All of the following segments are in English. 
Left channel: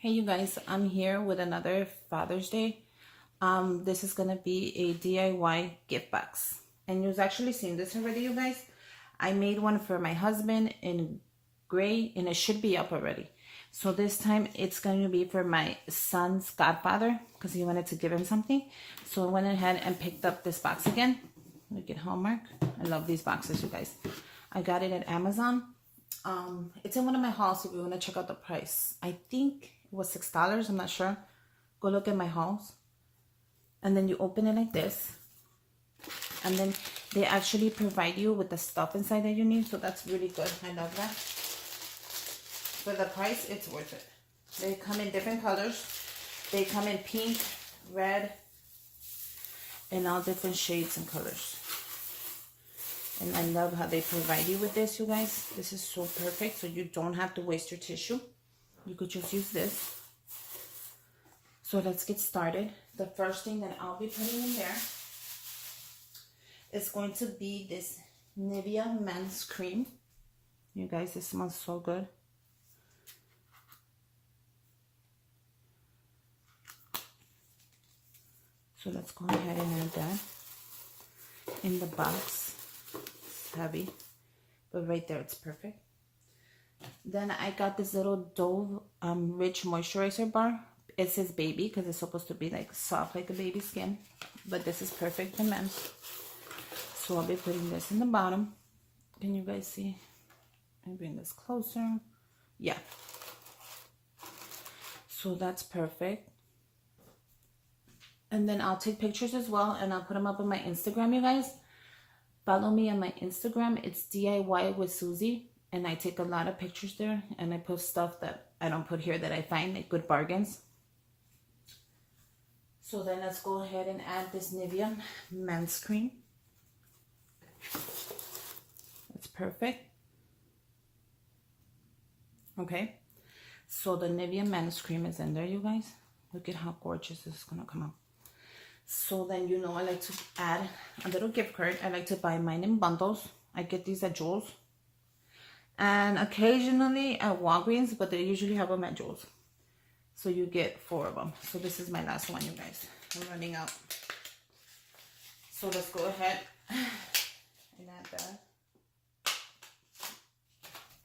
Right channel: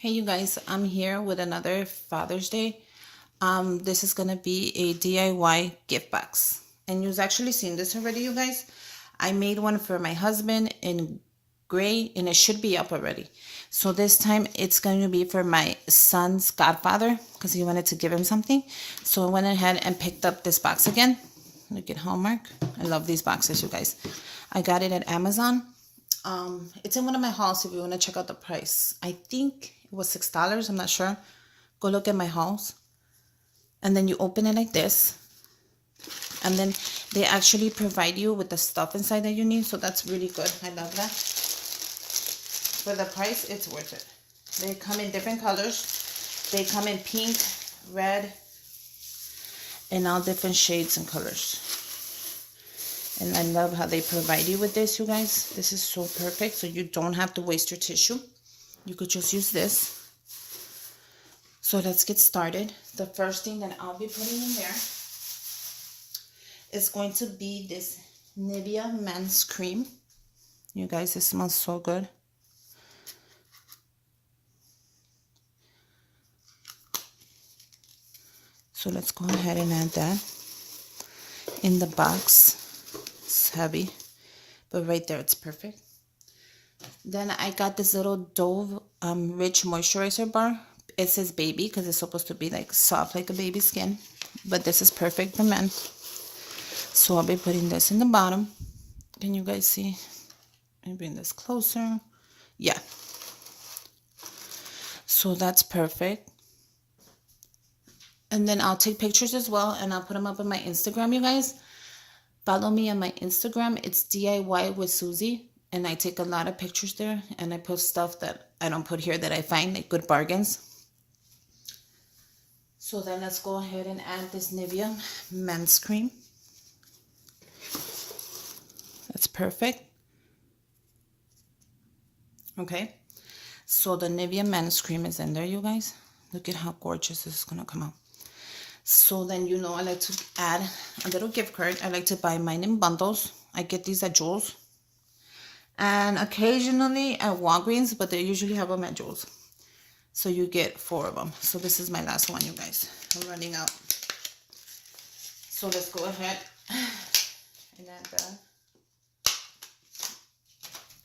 Hey you guys, I'm here with another Father's Day. This is gonna be a DIY gift box. And you've actually seen this already, you guys. I made one for my husband in gray and it should be up already. So this time it's going to be for my son's godfather because he wanted to give him something. So I went ahead and picked up this box again. Look at Hallmark. I love these boxes, you guys. I got it at Amazon. It's in one of my hauls if you want to check out the price. I think it was $6. I'm not sure. Go look at my hauls. And then you open it like this. And then they actually provide you with the stuff inside that you need. So that's really good. I love that. For the price, it's worth it. They come in different colors. They come in pink, red, and all different shades and colors. And I love how they provide you with this, you guys. This is so perfect. So you don't have to waste your tissue. You could just use this. So let's get started. The first thing that I'll be putting in there is going to be this Nivea men's cream. You guys, it smells so good. So let's go ahead and add that in the box. It's heavy, but right there it's perfect. Then I got this little Dove Rich Moisturizer bar. It says baby because it's supposed to be like soft like a baby skin, but this is perfect for men. So I'll be putting this in the bottom. Can you guys see? Let me bring this closer. Yeah. So that's perfect. And then I'll take pictures as well and I'll put them up on my Instagram, you guys. Follow me on my Instagram. It's diywithsusy. And I take a lot of pictures there. And I put stuff that I don't put here that I find, like good bargains. So then let's go ahead and add this Nivea men's cream. That's perfect. Okay. So the Nivea men's cream is in there, you guys. Look at how gorgeous this is going to come out. So then, you know, I like to add a little gift card. I like to buy mine in bundles. I get these at Joel's. And occasionally at Walgreens, but they usually have them at Joel's. So you get 4 of them. So this is my last one, you guys. I'm running out. So let's go ahead and add that.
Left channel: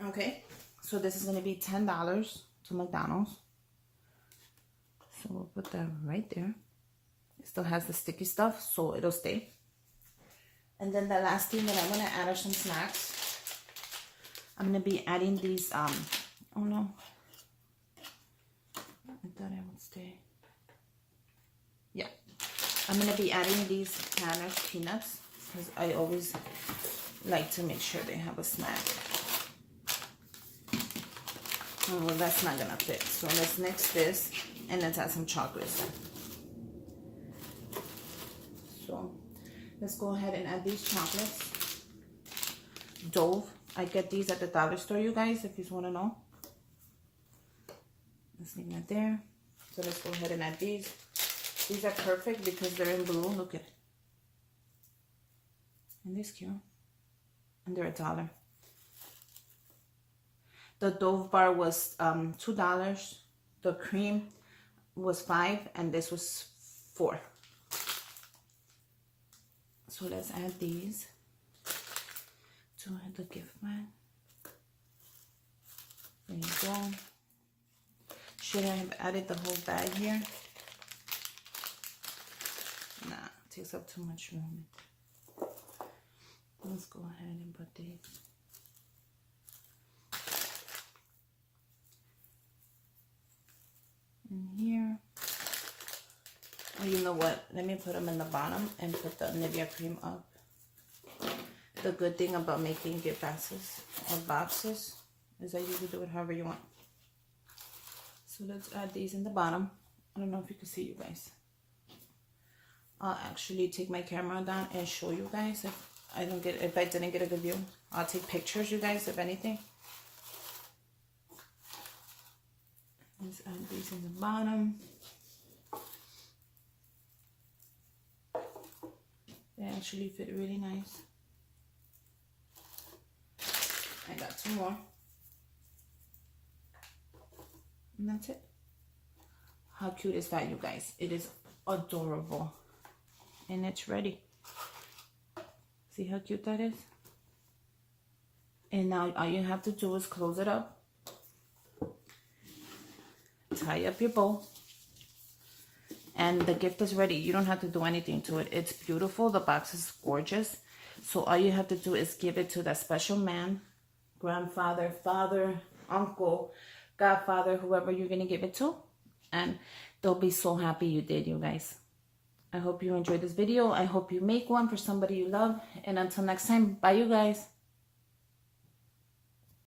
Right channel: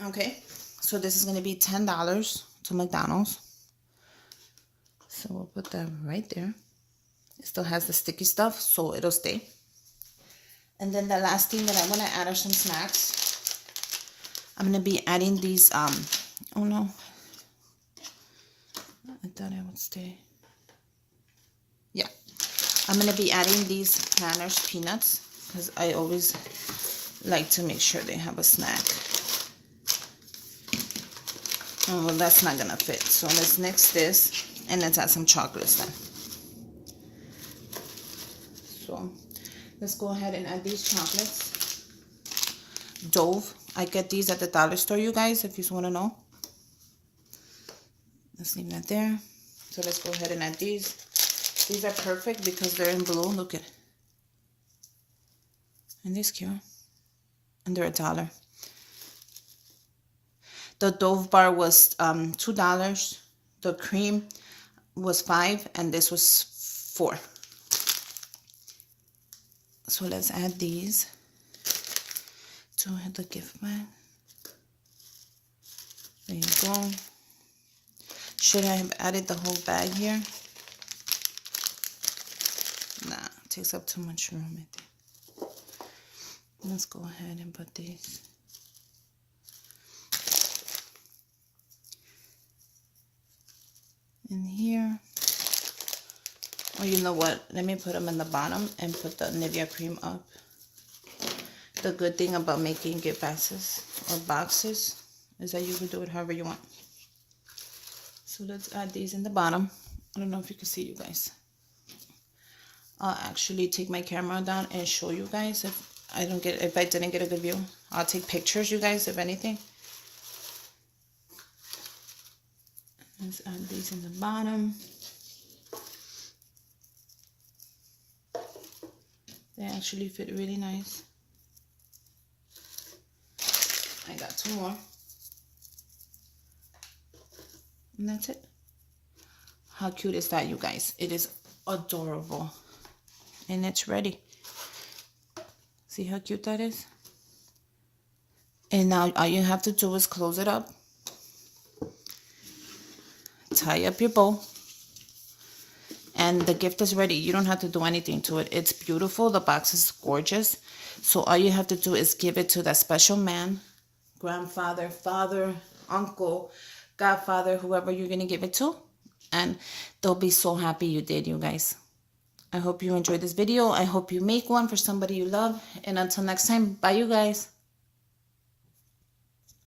Okay. So this is going to be $10 to McDonald's. So we'll put that right there. It still has the sticky stuff, so it'll stay. And then the last thing that I'm going to add are some snacks. I'm going to be adding these, oh no. I thought I would stay. Yeah. I'm going to be adding these Planters peanuts because I always like to make sure they have a snack. Oh, well, that's not going to fit. So let's mix this and let's add some chocolates then. So let's go ahead and add these chocolates. Dove. I get these at the dollar store, you guys, if you want to know. Let's leave that there. So let's go ahead and add these. These are perfect because they're in blue. Look at it. And this cute. And they're $1. The Dove bar was $2. The cream was $5 and this was $4. So let's add these to the gift bag. There you go. Should I have added the whole bag here? Nah, it takes up too much room, I think. Let's go ahead and put these. In here. Oh, you know what? Let me put them in the bottom and put the Nivea cream up. The good thing about making gift boxes or boxes is that you can do it however you want. So let's add these in the bottom. I don't know if you can see, you guys. I'll actually take my camera down and show you guys if I didn't get a good view. I'll take pictures, you guys, if anything. Let's add these in the bottom. They actually fit really nice. I got 2 more. And that's it. How cute is that, you guys? It is adorable. And it's ready. See how cute that is? And now all you have to do is close it up. Tie up your bow. And the gift is ready. You don't have to do anything to it. It's beautiful. The box is gorgeous. So all you have to do is give it to that special man, grandfather, father, uncle, godfather, whoever you're going to give it to. And they'll be so happy you did, you guys. I hope you enjoyed this video. I hope you make one for somebody you love. And until next time, bye, you guys.